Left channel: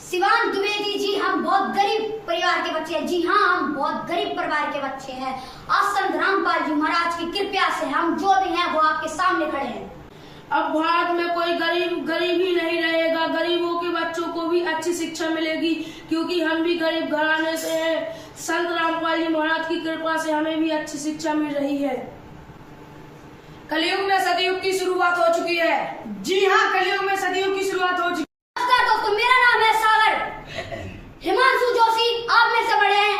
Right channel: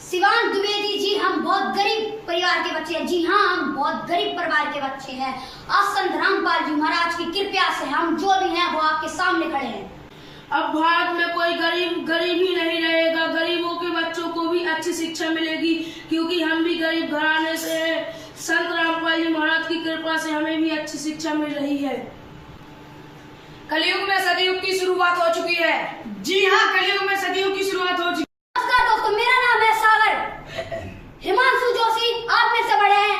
शिवान द्विवेदी जी, हम बहुत गरीब परिवार के बच्चे हैं। जी हाँ, हम बहुत गरीब परिवार के बच्चे हैं। आज संत रामपाल जी महाराज की कृपा से हम जो भी हैं वो आपके सामने खड़े हैं। अब भारत में कोई गरीब ही नहीं रहेगा। गरीबों के बच्चों को भी अच्छी शिक्षा मिलेगी, क्योंकि हम भी गरीब घराने से हैं। संत रामपाल जी महाराज की कृपा से हमें भी अच्छी शिक्षा मिल रही है। कलयुग में सतयुग की शुरुआत हो चुकी है। जी हाँ, कलयुग में सतयुग की शुरुआत हो चुकी है। नमस्कार दोस्तों, मेरा नाम है सागर। हिमांशु जोशी आप में से बड़े हैं,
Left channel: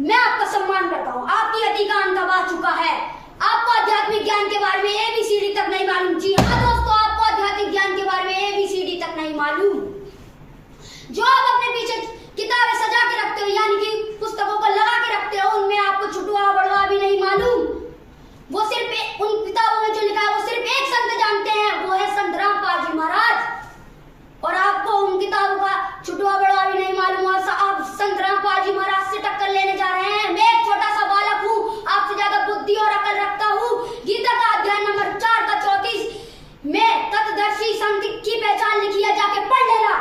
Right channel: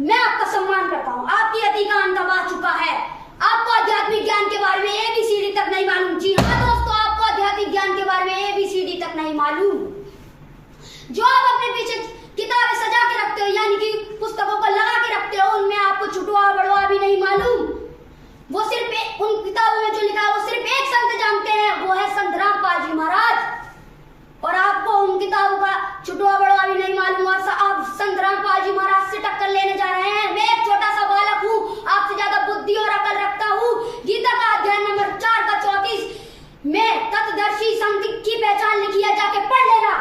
मैं आपका सम्मान करता हूँ। आपकी अति का अंत आ चुका है। आपको आध्यात्मिक ज्ञान के बारे में ABCD तक नहीं मालूम। जी हाँ दोस्तों, आपको आध्यात्मिक ज्ञान के बारे में ABCD तक नहीं मालूम। जो आप अपने पीछे किताबें सजा के रखते हो, यानी कि पुस्तकों को लगा के रखते हो, उनमें आपको छुटवा बड़वा भी नहीं मालूम। वो सिर्फ उन किताबों में जो लिखा है वो सिर्फ एक संत जानते हैं, वो है संत रामपाल जी महाराज। और आपको उन किताबों का छुटवा बड़वा भी नहीं मालूम। और आप संत रामपाल जी महाराज से टक्कर लेने जा रहे हैं। मैं एक छोटा सा बालक हूँ, आपसे ज्यादा बुद्धि और अकल रखता हूँ। गीता का अध्याय नंबर 4 का 34 में तत्दर्शी संत की पहचान लिखी है, जाके पढ़ लेना।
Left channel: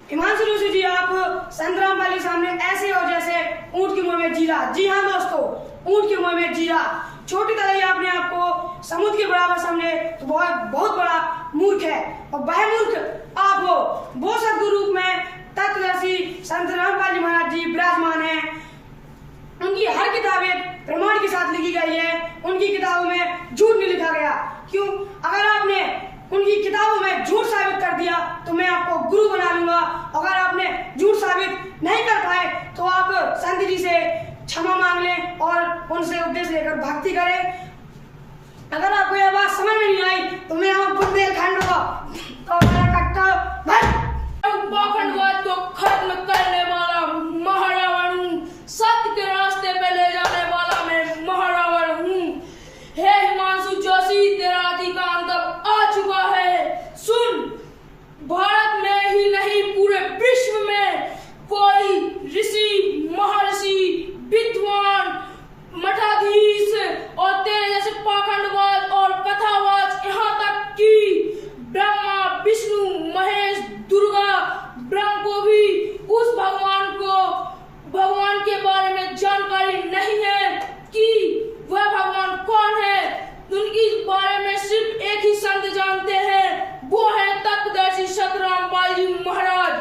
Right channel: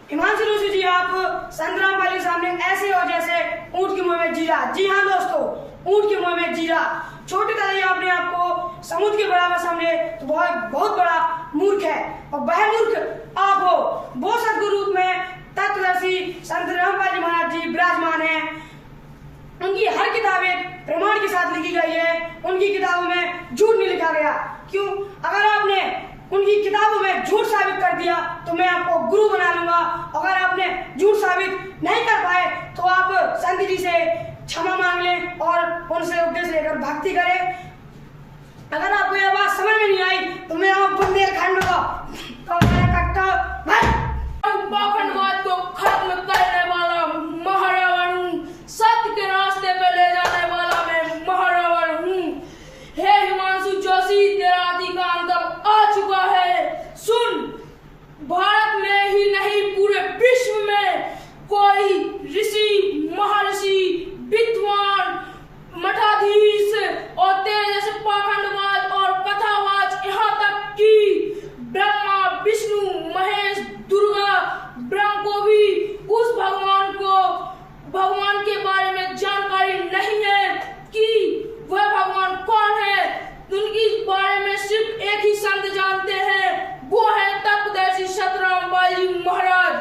हिमांशु जोशी जी, आप संत रामपाल के सामने ऐसे हो जैसे ऊंट के मुंह में जीरा। जी हाँ दोस्तों, ऊंट के मुंह में जीरा। छोटी कलाई आपने आपको समुद्र के बराबर समझे तो बहुत बड़ा मूर्ख है। और वह मूर्ख आप हो। वो सदगुरु रूप में तत्वदर्शी संत रामपाल जी महाराज जी विराजमान है। उनकी हर किताबें प्रमाण के साथ लिखी गई है। उनकी किताबों में झूठ नहीं लिखा गया। क्यों? अगर आपने उनकी किताबों में झूठ साबित कर दिया तो मैं आपको गुरु बना लूंगा। अगर आपने झूठ साबित नहीं कर पाए तो आप संत जी से क्षमा मांग लें और उनसे उपदेश लेकर भक्ति करें। अगर आपको यह बात समझ में नहीं आई तो मैं बुंदेलखंड तो मेरा कट्टा पाखंडवाद को खत्म करने वाला महारावण हूँ। सत्य के रास्ते पे ले जाने वाला मैं महारावण हूँ। हे हिमांशु जोशी, तेरा अधिकार अब आ चुका है। सुन, भारत में ही नहीं पूरे विश्व में कोई ऋषि, महर्षि, विद्वान, मठाधीश और तेरे जैसे पाखंडवाद और कथावाच, यहाँ तक कि ब्रह्मा, विष्णु, महेश, दुर्गा, ब्रह्म को भी उस भगवान के बारे में जानकारी नहीं है कि वह भगवान कौन है। उनके बारे में सिर्फ एक ही संत जानते हैं, वो है तत्वदर्शी संत रामपाल जी महाराज।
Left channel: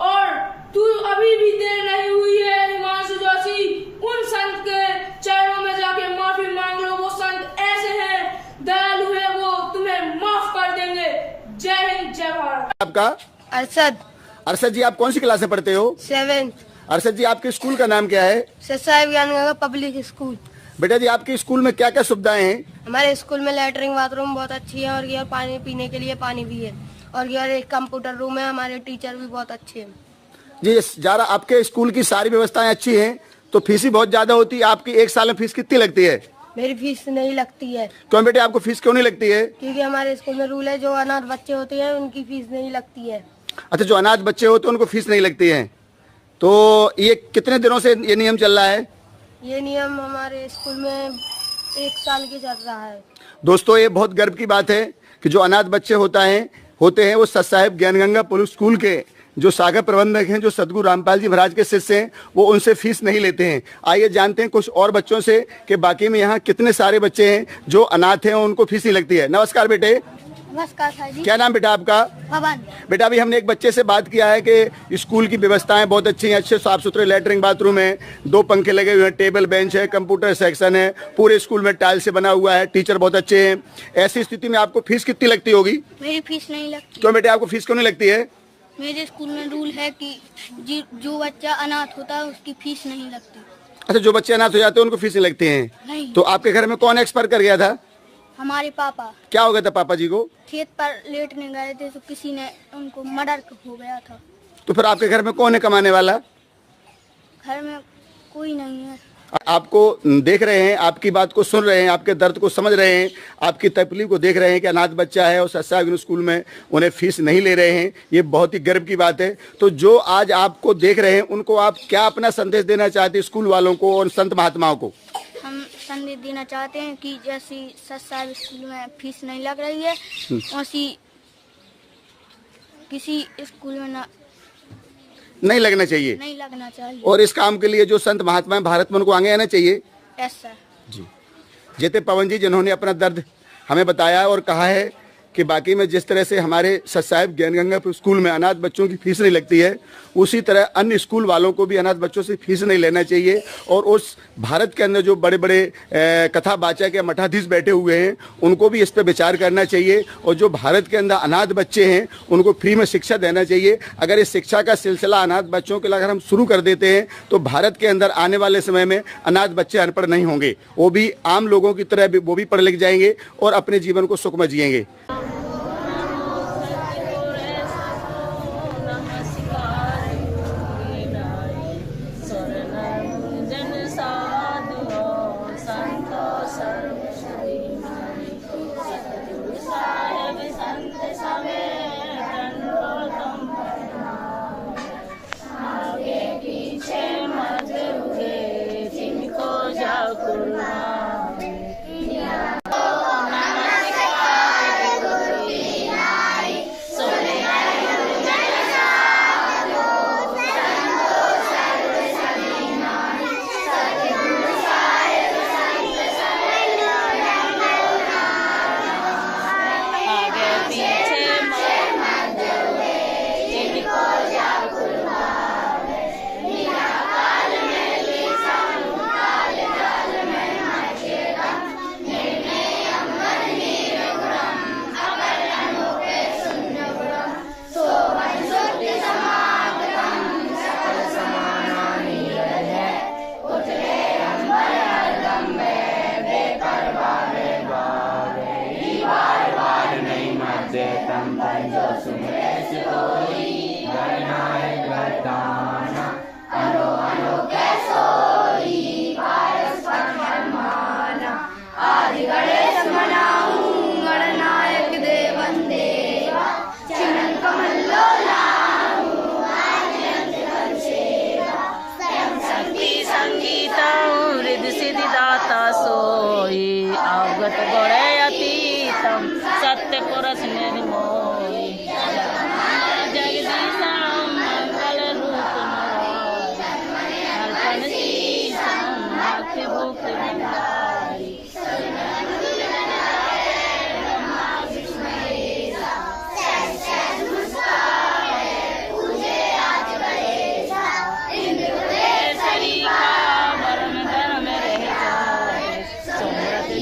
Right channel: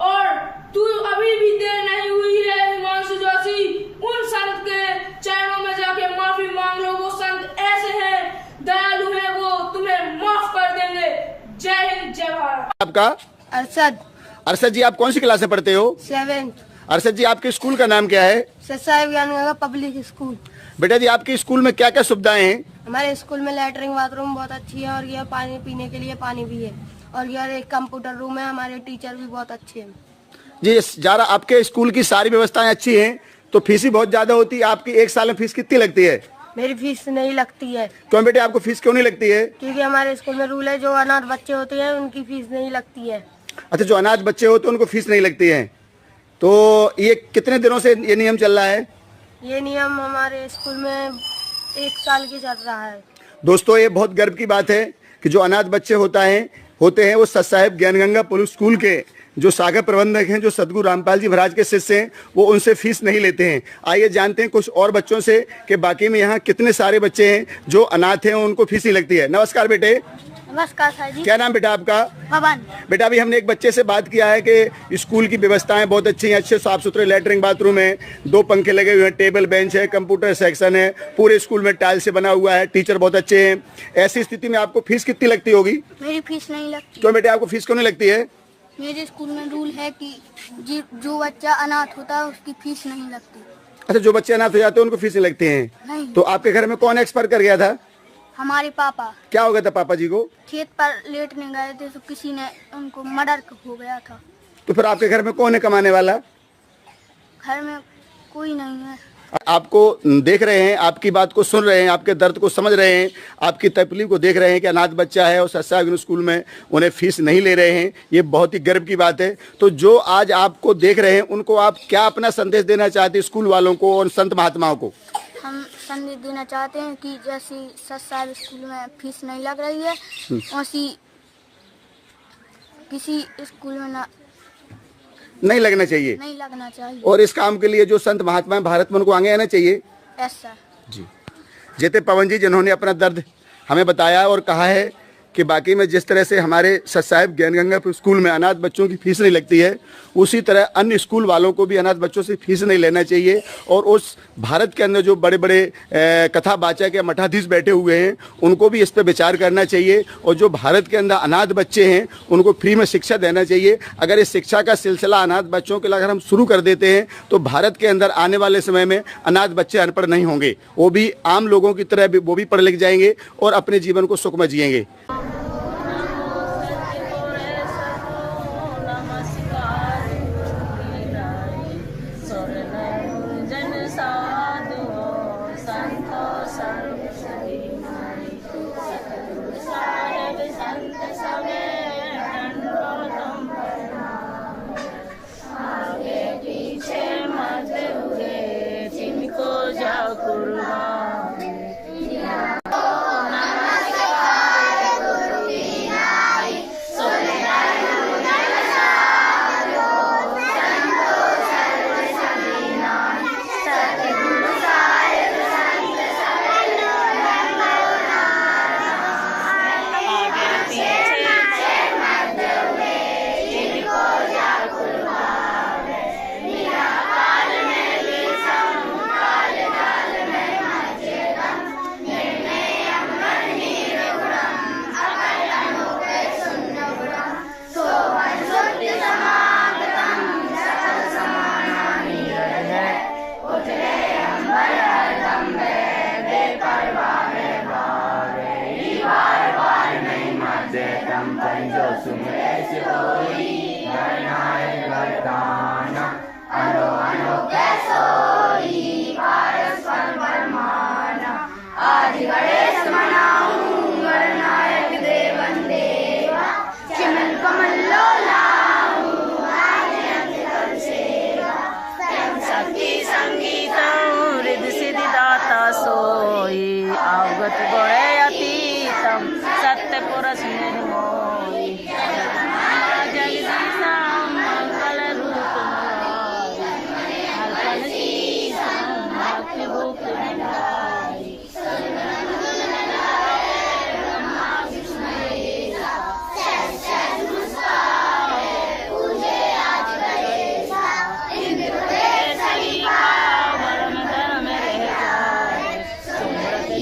और तू अभी भी देर नहीं हुई है हिमांशु जोशी, उन संत के चरणों में जाके माफी मांग लो। वो संत ऐसे हैं, दयालु है, वो तुम्हें माफ कर देंगे। जय हिंद, जय भारत। आपका? अरशद। अरशद जी, आप कौन सी क्लास में पढ़ते हो? 7th। अरशद जी, आपके स्कूल का नाम क्या है? Sasai Dnyanganga public school. बेटा जी, आपके स्कूल में क्या क्या सुविधाएं हैं? हमारे स्कूल में लैट्रिन बाथरूम बहुत अच्छी है और यह पानी पीने के लिए पानी भी है। और यह एक कंप्यूटर रूम है। हमारे टीचर भी बहुत अच्छे हैं। जी, जरा आपके स्कूल की सारी व्यवस्थाएं अच्छी हैं, तो फीस भी बहुत ज्यादा होती है। आपकी एक साल में फीस कितनी लगती है? मेरी फीस नहीं लगती है। क्यों बेटे, आपको फीस क्यों नहीं लगती है? क्योंकि हमारे स्कूल में रूल है, जो अनाथ बच्चे होते हैं उनकी फीस नहीं लगती है। अच्छा, जो अनाथ बच्चे होते हैं उनको फीस नहीं लगती है। तो ये कितने दिनों से ये नियम चल रहा है? ये नियम हमारे स्कूल में 1 साल की चल रहा है। दोस्तों, ये बहुत गर्व की बात है कि जो अनाथ बच्चे होते हैं वो सत साहिब ज्ञानगंगा पब्लिक स्कूल के जो सागर प्रबंधक हैं, जो सदगुरु रामपाल जी महाराज के शिष्य हैं, वो उनसे फीस नहीं लेते हैं। आइए जानते हैं कुछ और बच्चों से कि बाकी में यहाँ कितने सारे बच्चे हैं जो अनाथ हैं, उनको फीस नहीं लगती है। नमस्कार बेटे। नमस्कार सर जी। क्या नाम बेटा आपका? पवन। बेटा, अभी हमने एक बच्चे से बात किया है कि स्कूल की व्यवस्थाएं बहुत अच्छी हैं, अच्छे साफ सुथरे लैट्रिन बाथरूम है, 2 पंखे लगे हुए हैं, टेबल बेंच है, कंप्यूटर सेक्शन है, पूरे स्कूल में टाइल से बना हुआ है, टीचर बहुत अच्छे हैं। ऐसी स्थिति में आपको फीस कितनी लगती होगी? मेरी फीस नहीं लगती। क्यों बेटे, आपको फीस क्यों नहीं लगती है? मेरे स्कूल में रूल है कि जो बच्चा अनाथ होता है उसकी फीस नहीं लगती। अच्छा, जो बच्चे अनाथ हो जाते हैं उनको फीस नहीं लगती है? नहीं। तो आपके घर में कौन एक्सपायर कर गया था? हमारे पापा। क्या हो गया था पापा जी को? खेत पर लेटने गए थे तो किसी ने उनको मर्डर हो गया था। तो फिर आपके घर में कौन है कमाने वाला? घर में कोई नहीं है। आपको देख रहे हैं, आपकी बात को सुन रहे हैं, आपके दर्द को समझ रहे हैं, आपकी तकलीफ को देख रहे हैं कि अनाथ बच्चा है और सत्साग्न स्कूल में उन्हें फीस नहीं ले रहे हैं। ये बहुत ही गर्व की बात है। तो जो आज आपको देख रहे हैं उनको आप क्या अपना संदेश देना चाहते हैं, स्कूल वालों को और संत महात्माओं को? हम संदेश देना चाहते हैं कि जैसी सत्साग स्कूल में फीस नहीं लग रही है, वैसी किसी स्कूल में नहीं लगना चाहिए। नहीं लगना चाहिए। और इस काम के लिए जो संत महात्मा भारत में उनको आगे आना चाहिए। Yes sir. जी जेते पवन जी जिन्होंने अपना दर्द हमें बताया और कहा है कि बाकी में जिस तरह से हमारे सत साहिब ज्ञानगंगा स्कूल में अनाथ बच्चों की फीस नहीं लगती है, उसी तरह अन्य स्कूल वालों को भी अनाथ बच्चों से फीस नहीं लेना चाहिए। और उस भारत के अंदर जो बड़े बड़े कथावाचक या मठाधीश बैठे हुए हैं उनको भी इस पर विचार करना चाहिए। और जो भारत के अंदर अनाथ बच्चे हैं उनको फ्री में शिक्षा देना चाहिए। अगर इस शिक्षा का सिलसिला अनाथ बच्चों के लिए अगर हम शुरू कर देते हैं तो भारत के अंदर आने वाले समय में अनाथ बच्चे अनपढ़ नहीं होंगे, वो भी आम लोगों की तरह वो भी पढ़ लिख जाएंगे और अपने जीवन को सुखमय जिएंगे। सोई अवगत गणे अतीतम सत्य पुरुष निर्मोही जगदीशम मंगल रूप अल्पन शीशम भक्ति भुक्त भंडारी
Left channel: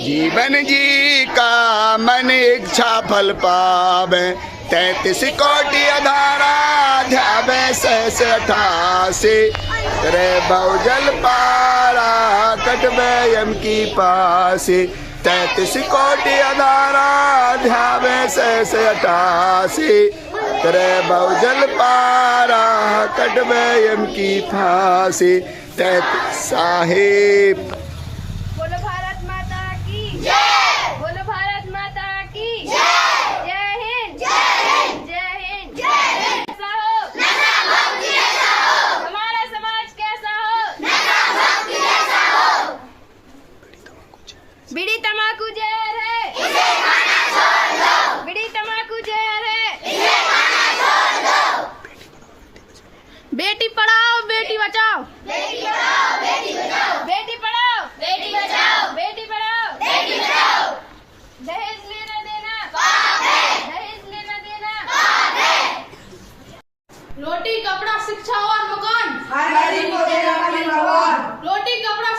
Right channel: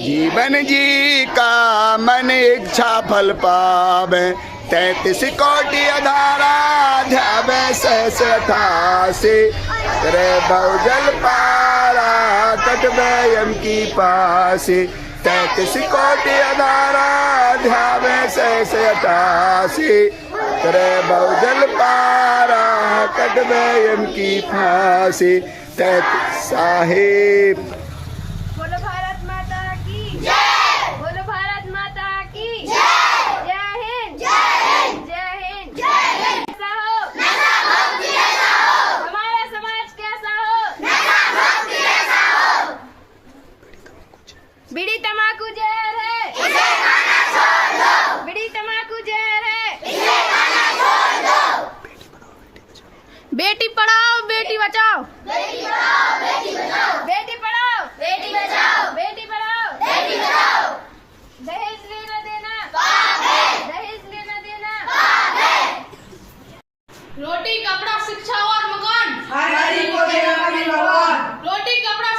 जीवन जी का मन इच्छा फल पावे 33 कोटि अधारा ध्यावे 88 करे बहुजल पारा कटवे यम की पासी 33 कोटि अधारा ध्यावे 88 करे बहुजल पारा कटवे यम की फांसी 33 साहिब। बोलो भारत माता की जय। बोलो भारत माता की जय। जय हिंद जय हिंद जय हिंद जय हिंद। कैसा हो नशा मुक्त जैसा हो, हमारा समाज कैसा हो नशा मुक्त जैसा हो। बीड़ी तंबाकू जहर है इसे खाना छोड़ दो। बीड़ी तंबाकू जहर है इसे खाना छोड़ दो। बेटी पढ़ाओ बेटी बचाओ, बेटी पढ़ाओ बेटी बचाओ, बेटी पढ़ाओ बेटी बचाओ, बेटी पढ़ाओ बेटी बचाओ। दहेज लेना देना पाप है, दहेज लेना देना पाप है। रोटी कपड़ा शिक्षा और मकान हर गरीब को देगा कभी भगवान। रोटी कपड़ा